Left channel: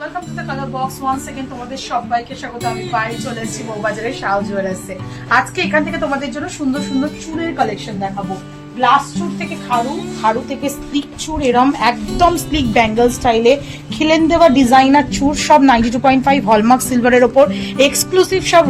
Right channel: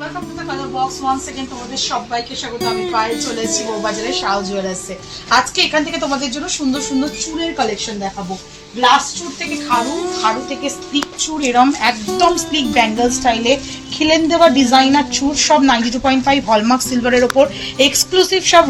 Welcome to the colour box once second তোমাদের সবাইকে স্বাগত। আমি পায়ে চলে এসেছি বউবাজারের শাও জুয়েলার্সে। আজকে এখান থেকে তোমাদের জন্য সুন্দর সুন্দর চুড়ের কালেকশন দেখাবো। গ্লাস চুড় থেকে খাড়ু থেকে স্লিক চুড়, এরম একদম স্লিক ব্যাঙ্গল স্টাইলে খিলেন দেওয়া ডিজাইনার চুড়, সব 92.5 হলমার্ক সিলভারের ওপর এক্সক্লুসিভ, সব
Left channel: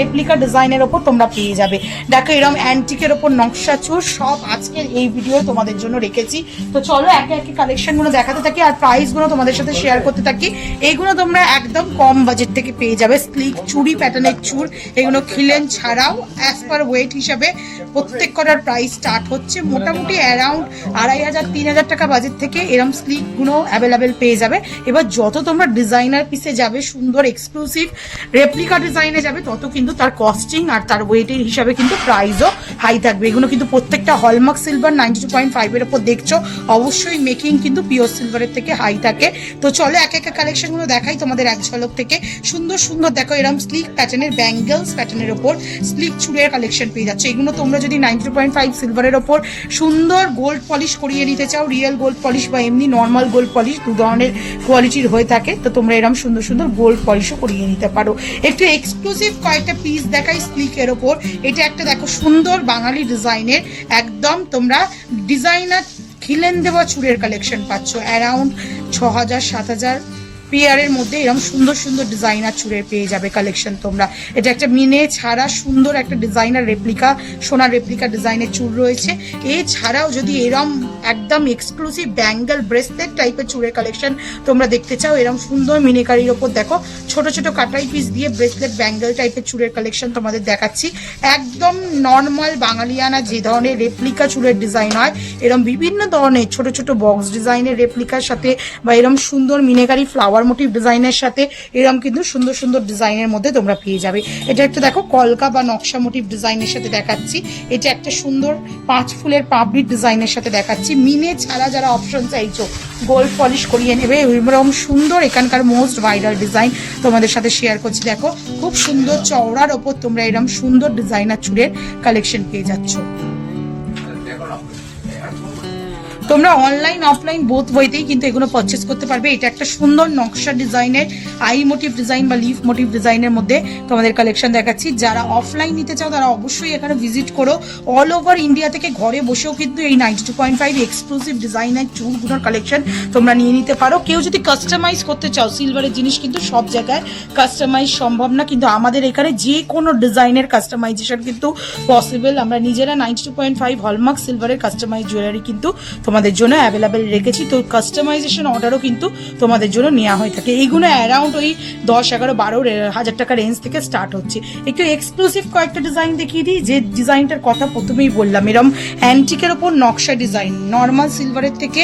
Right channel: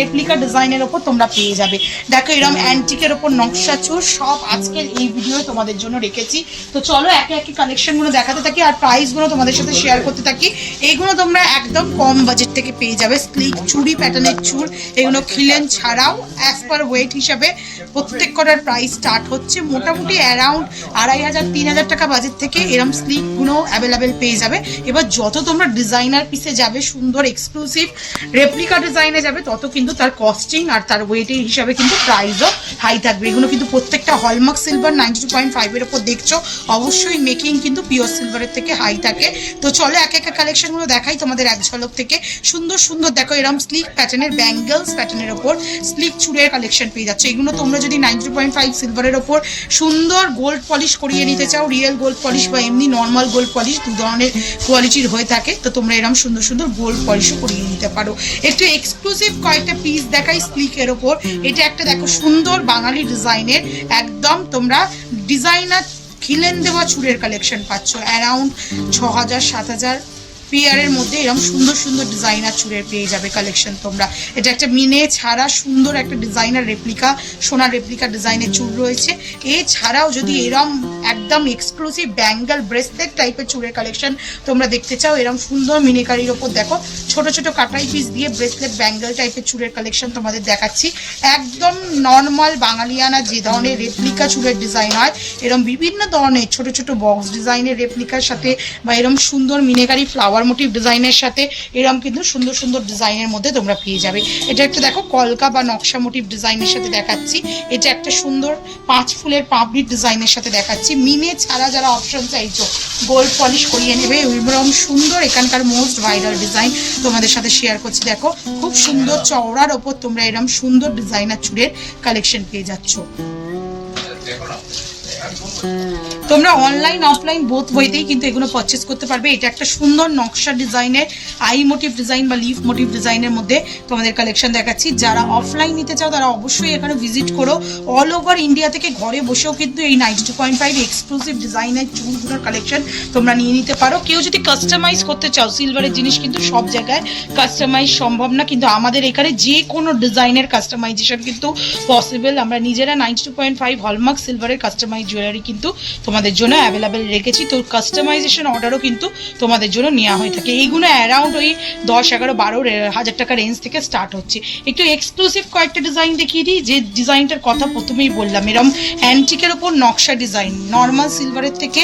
রেপ্লিকা ডিজাইনের ওপর তোমরা পেয়ে যাবে। দেখো এরম অ্যান্টিকের ওপর নকশা চুড় সব আজকের এই ভিডিও তোমাদের জন্য রেখেছি। তো চলো একে একে কালেকশনগুলো দেখাতে থাকি আর প্রাইসগুলো তোমাদের সাথে শেয়ার করতে থাকি। এইগুলো তোমরা একদম কম বাজেট থেকে পেয়ে যাবে। স্লিক চুড়ি প্যাটার্নের চুড়, এগুলো খিলেন ছাড়াও অ্যাজ পার ওয়েট হিসাবে প্রত্যেক কটার প্রাইস স্টার্ট হচ্ছে মোটামুটি অ্যারাউন্ড 2500-3000 টাকা বাজেট থেকে এরম স্লিকগুলো অ্যাভেলেবেল পেয়ে যাবে। এবার যত তোমরা ডিজাইনার পিসে যাবে, সুন্দর এক্সক্লুসিভ রেপ্লিকা ডিজাইনে যাবে, তত কিন্তু তার কস্টিং আর তার ওয়েটের হিসাবে কিন্তু প্রাইসও হাই থাকবে। এগুলো কিন্তু প্রত্যেকটা হলমার্ক সিলভার 92.5 এর ওপর দেখছো, অবশ্যই মেকিং কিন্তু পিওর সিলভারের থেকে হাই থাকে। তো চলো এক একটা কালেকশনগুলো দেখাই তোমাদের এক ঝলক থেকে। সুন্দর সুন্দর দেখো এরকম স্লিক প্যাটার্নের ব্যাঙ্গলস প্যাটার্নের ওপর স্লিক চুড়ের কালেকশন পেয়ে যাচ্ছে। এগুলো তোমরা যদি 92.5 সিলভারের ওপর সুন্দর গোল্ড পলিশ করিয়ে নিতে চাও, রিয়েল গোল্ড পলিশ বা এমনি নর্মাল গোল্ড পলিশ, দু ধরনের কোয়ালিটির হয়ে থাকে, তো তোমরা এরকম সুন্দর সুন্দর গোল্ড পলিশও করিয়ে নিতে পারো। একটু এক্সক্লুসিভ কয়েকটা পিস দেখাই স্লিকের ওপর। এটা একটা দেখো সুন্দর বাঙালি ডিজাইনের, একদম তোমরা ডিজাইনার খিলেন দেওয়া চুড়ের কালেকশন পাচ্ছ অ্যারাউন্ড 6000-7000 পেয়ারের মধ্যে এরকম সুন্দর সুন্দর ডিজাইনার চুড়ের পেয়ে যাবে কালেকশন তোমরা। এটা একটা মিনে ছাড়া সুন্দর একটা ডিজাইনার রেপ্লিকা, সোনার রেপ্লিকা ডিজাইনের চুড় রয়েছে। এছাড়াও যদি এরম একদম এক্সক্লুসিভ ব্যাঙ্গল ব্রেসলেট টাইপের চুড়ের কালেকশন তোমরা দেখতে চাও, এরম সুন্দর মিনেকারির ওপর দেখো ছোট ছোট কাটাই পিস দিয়ে ব্রেসলেট ব্যাঙ্গল টাইপের চুড়ের কালেকশন তোমাদের দেখাচ্ছি। একদম নর্মাল বাঙালিয়ানা যে ধরনের রেপ্লিকা চুড়ের ডিজাইন হয়, এরম বিভিন্ন ধরনের ছোট ছোট বক্স ডিজাইনের রেপ্লিকার সাথে বা এরম সুন্দর মিনেকারি ফ্লাওয়ার মোটিভ ডিজাইনের সাথে এরকম কিন্তু সুন্দর সুন্দর ডিজাইনের মধ্যে তোমরা পেয়ে যাবে। এটা একটু দেখো কলকা বা নকশা মোটিভ ডিজাইনের সাথে দেখাচ্ছি। এটা একটা সুন্দর 5 ফুলের পাপড়ির ডিজাইনের সাথে দেখাচ্ছি। মিনে ছাড়া যারা অপশন চাইছো গোল্ড পলিশ করিয়ে নেবে, এরকম সুন্দর এখানকার মোস্ট ভাইরাল ডিজাইন তোমাদের সাথে শেয়ার করছি। দেখো খুব সুন্দর চওড়ার ওপর তোমরা এরকম সুন্দর ডিজাইনার চুড়ের কালেকশন পেয়ে যাচ্ছ। তোমরা অনলাইন অফলাইন বোথ বইতেই কিন্তু এগুলো পারচেস করতে পারবে। এটা একটা সুন্দর নকশা ডিজাইনের আই মোটিভ ডিজাইন বা লিফ মোটিভ ডিজাইনের মধ্যে তোমাদের কালেকশন দেখাচ্ছি। যারা অফলাইন নিতে চাও তারা অবশ্যই এখানে ভিজিট করো। অল ওভার ইন্ডিয়া থেকে ঘরে বসেও কিন্তু এই 92.5 এক্সক্লুসিভ ডিজাইনের চুলগুলোর কালেকশন তোমরা নিয়ে নিতে পারো। কেউ যদি কাস্টমাইজ করতে চাও, সিলভারের জিনিস কিন্তু সব জায়গায় কাস্টমাইজ সম্ভব না, কিন্তু আমাদের এখানে যে কোনো ডিজাইনের কাস্টমাইজেশন কিন্তু পসিবল। আমরা নিজেরা 92.5 হলমার্ক সিলভারের কাস্টমাইজ জুয়েলারি কিন্তু তোমাদের জন্য অ্যাভেলেবেল রেখেছি। তো কাস্টমাইজেশন অর্ডারও কিন্তু তোমাদের জন্য নেওয়া হয়ে থাকে। এইগুলো অ্যারাউন্ড ওই 10-11-12 হাজার টাকা রেঞ্জ থেকে স্টার্ট হচ্ছে। একটু এক্সক্লুসিভ কয়েকটা ডিজাইন দেখিয়ে দিই। যে ডিজাইনটার কথা প্রথমেই বললাম, এরকম অ্যান্টিকের ওপর নকশা ডিজাইন, নর্মাল সিলভারের থেকে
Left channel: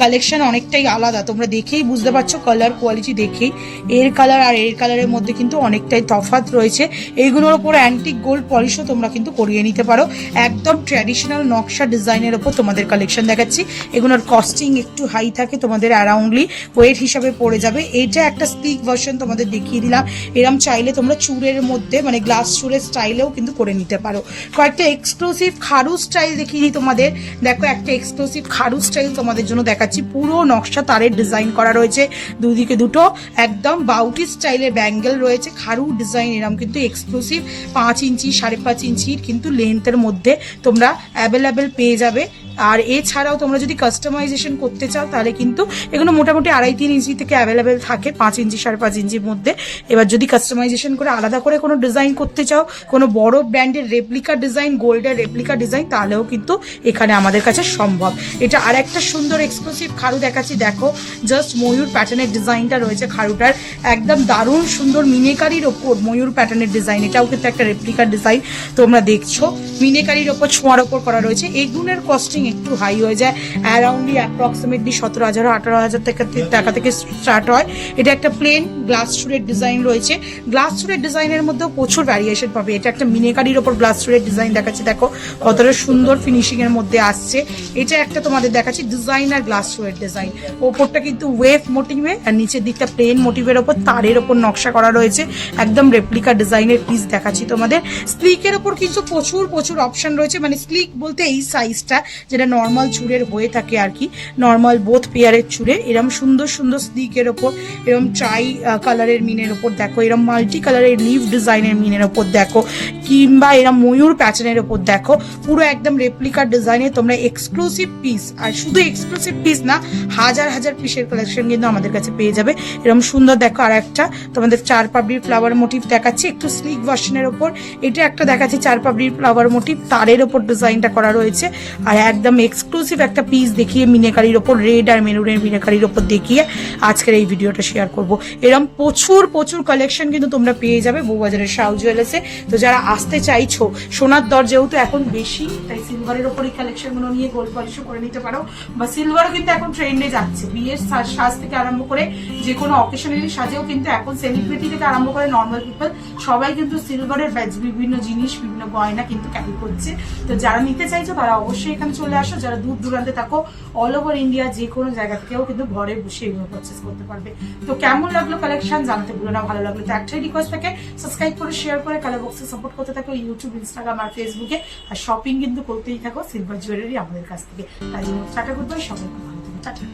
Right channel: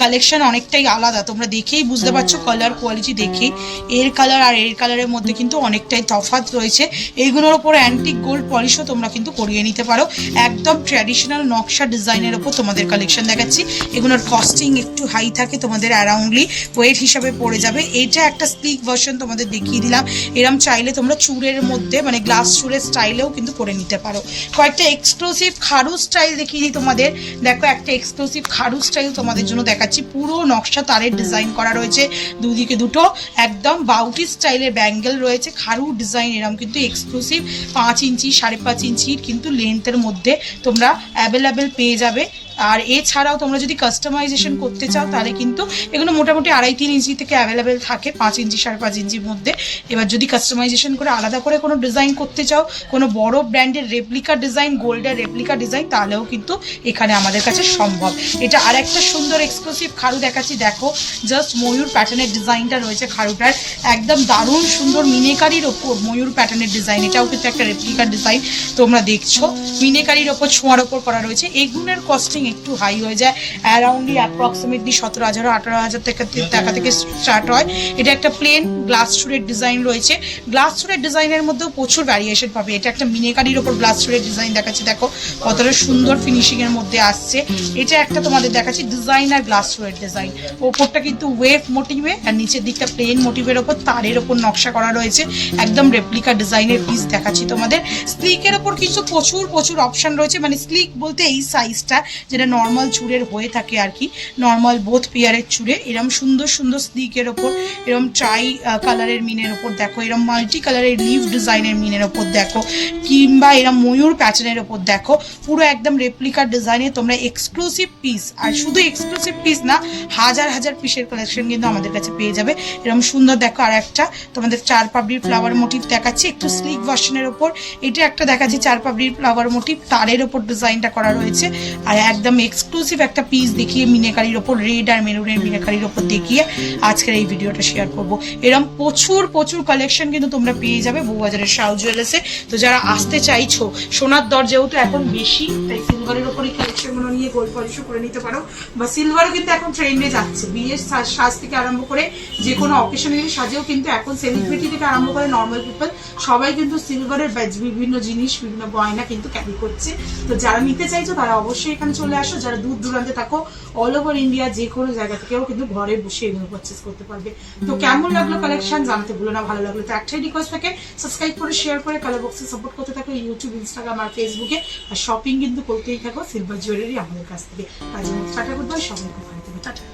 কালেকশন অনেকটাই আলাদা। তোমরা দেখেই বুঝতে পারছো, কালার কোয়ালিটি দেখেই এর কালার আর এর কালারের মধ্যে কিন্তু অনেকটাই তফাৎ রয়েছে। এইগুলোর ওপর অ্যান্টিক গোল্ড পলিশও তোমরা কিন্তু করিয়ে নিতে পারো। একদম ট্র্যাডিশনাল নকশা ডিজাইনের ওপর তোমাদের কালেকশন দেখাচ্ছি। এগুলোর কস্টিং একটু হাই থাকে, তোমাদের অ্যারাউন্ডলি ওয়েট হিসাবে পড়ে যাবে। এটা একটা স্লিক ভার্সন তোমাদের দেখিয়ে দিলাম। এরম চাইলে তোমরা চুড়ের মধ্যে মানে গ্লাস চুড়ের স্টাইলেও কিন্তু করে নিতে পারো। কয়েকটা এক্সক্লুসিভ খাড়ু স্টাইল দেখিয়ে দিই তোমাদের। দেখো একটা এক্সক্লুসিভ খাড়ু স্টাইল তোমাদের জন্য দেখাচ্ছি। পুরো নকশা তারের ডিজাইন করা রয়েছে, দুদিকে দুটো একদম বাউটি স্টাইলের ব্যাঙ্গেল রয়েছে। খাড়ু ডিজাইন এরম কিন্তু এক্সক্লুসিভ 5 ইঞ্চি 5.5 ইঞ্চির কিন্তু লেন্থের মধ্যে তোমরা অ্যাভেলেবেল পেয়ে যাবে। আর এছাড়াও তোমরা যদি কাস্টমাইজেশন করতে চাও তাহলে কিন্তু এগুলো মোটামুটি 2.5-3 ইঞ্চি থেকে অ্যাভেলেবেল থাকে, 5 ইঞ্চি 5.5 ইঞ্চির মধ্যে। এবার যদি কাস্টমাইজেশন করে আলাদা করে কোনো ডিজাইন করতে চাও, কোনো বড় ব্র্যান্ডের রেপ্লিকা ডিজাইন, গোল্ডের রেপ্লিকা ডিজাইন, তাহলেও কিন্তু এখানে আমাদের কাছে সম্ভব। এটা আর একটা সুন্দর এক্সক্লুসিভ খাড়ু দেখাচ্ছি। দেখো জাস্ট ময়ূর প্যাটার্নের ডিজাইনটা রয়েছে খাড়ুটার, একদম দারুণ সুন্দর মিনেকারির ওপর ময়ূর প্যাটার্নের ডিজাইন। এটাও কিন্তু একটা রেপ্লিকা ডিজাইন তোমরা দেখছো, মিনেকারির ওপর ছোঁয়ার ওপর করা রয়েছে। এগুলোর কস্টিং একটু হাই হয়ে যায়, অ্যারাউন্ডলি অ্যাপ্রক্সিমেটলি 17,000-18,000 টাকা থেকে স্টার্ট হয়। এটা একটা প্লেন গ্লাস চুড়ের ডিজাইন রয়েছে। গ্লাস চুড়ের ডিজাইনের মধ্যেও প্রচুর ভ্যারিয়েশন পাবে। এটা একটা মিনেকারির ওপর গ্লাস চুড়ের ডিজাইন দেখাচ্ছি। দেখো কতটা সুন্দর ফিনিশিংয়ের মধ্যে আসছে। এটা একটা তোমাদের দেখাচ্ছি ডিজাইনার গ্লাস চুড়ের ডিজাইন। ওপরটা কিন্তু ওয়েভ মোটিভে আর নিচের দিকটা প্লেন মোটিভের ওপর তারের ওপর নকশা করা রয়েছে। একদম রেপ্লিকা ডিজাইনের পিস দেখাচ্ছি তোমাদের। স্লিকের ওপর কিন্তু প্রচুর অপশন রয়েছে, মানে স্লিক বলতে এই সাইজটা যেটা নর্মাল চুড়ের হয়ে থাকে আর কি, নর্মাল বোথ পেয়ারের চুড়ে এরম সুন্দর সুন্দর স্লিকের ওপর, এরম ট্রাই কালারের মিনের ওপর দেখো, এরম মাল্টি কালারের লিভ ডিজাইনের মিনের ওপর দেখো, কিংবা এরম ময়ূর প্যাটার্নের ওপর দেখো, পুরো একদম রেপ্লিকার ডিজাইনে তোমরা এক্সক্লুসিভ পিস, আর শুধু এক্সক্লুসিভ পিস না, হাজার হাজার পিসের কালেকশন কিন্তু আমাদের কাছে পেয়ে যাবে। এরকম সুন্দর দেখো, আর একটা তোমাদের 4 পাপড়ির ফ্লাওয়ার মোটিভ দেখাচ্ছি একটু স্লিক ভার্সনের ওপর, এটা একটা দেখাচ্ছি 4 পাপড়ির ফ্লাওয়ার মোটিভ, তারের ওপর ডিজাইনটা করা রয়েছে। আর একদম এক্সক্লুসিভ একটা পিস দেখিয়ে মিনেকারির ওপর, রেড আর মেরুনের মিনেকারির ওপর দেখিয়ে আজকের এই ভিডিওটা শেয়ার করব। এরকম প্রচুর প্রচুর কালেকশন কিন্তু তোমরা পেয়ে যাবে বউবাজারের শাউ জুয়েলার্সে। তো যারা আসতে চাইছো, সোনার দর যেহেতু এখন বেশি, তাই সিলভারের ওপর এই কালেকশনগুলো নিয়ে গোল্ড পলিশও করে নিতে পারো, বা সিলভারও কিন্তু এখন ট্রেন্ডে যাচ্ছে। বিয়ের সাজ থেকে আরম্ভ করে যে কোনো অকেশনারি সাজেও কিন্তু এখন সেলিব্রিটি থেকে আরম্ভ করে নর্মাল পিপল সবাই কিন্তু সিলভারের বিভিন্ন জিনিস, বিভিন্ন গয়না কিন্তু ক্যারি করছে। তো যারা নিতে চাইছো তারা অবশ্যই এখানে চলে আসো। যারা দূর দূরান্তে থাকো, অল ওভার ইন্ডিয়া যে কোনো জায়গা থেকেও কিন্তু ঘরে বসে এগুলো পারচেস করতে পারবে। তো কেমন লাগলো কালেকশন জানাতে ভুলো না। ভালো লাগলো তো একটাই রিকোয়েস্ট থাকে, সাবস্ক্রাইব করে শেয়ার করে কালার বক্সে সাপোর্ট করতে থাকো ইউটিউব, ইনস্টাগ্রাম আর ফেসবুকে। আর শপিং কিন্তু করতেই থাকো সিলভার জুয়েলারি আমাদের কাছ থেকে। তাই জন্য টাটা, গুড বাই, সবাইকে ভালো থাকো, টাটা।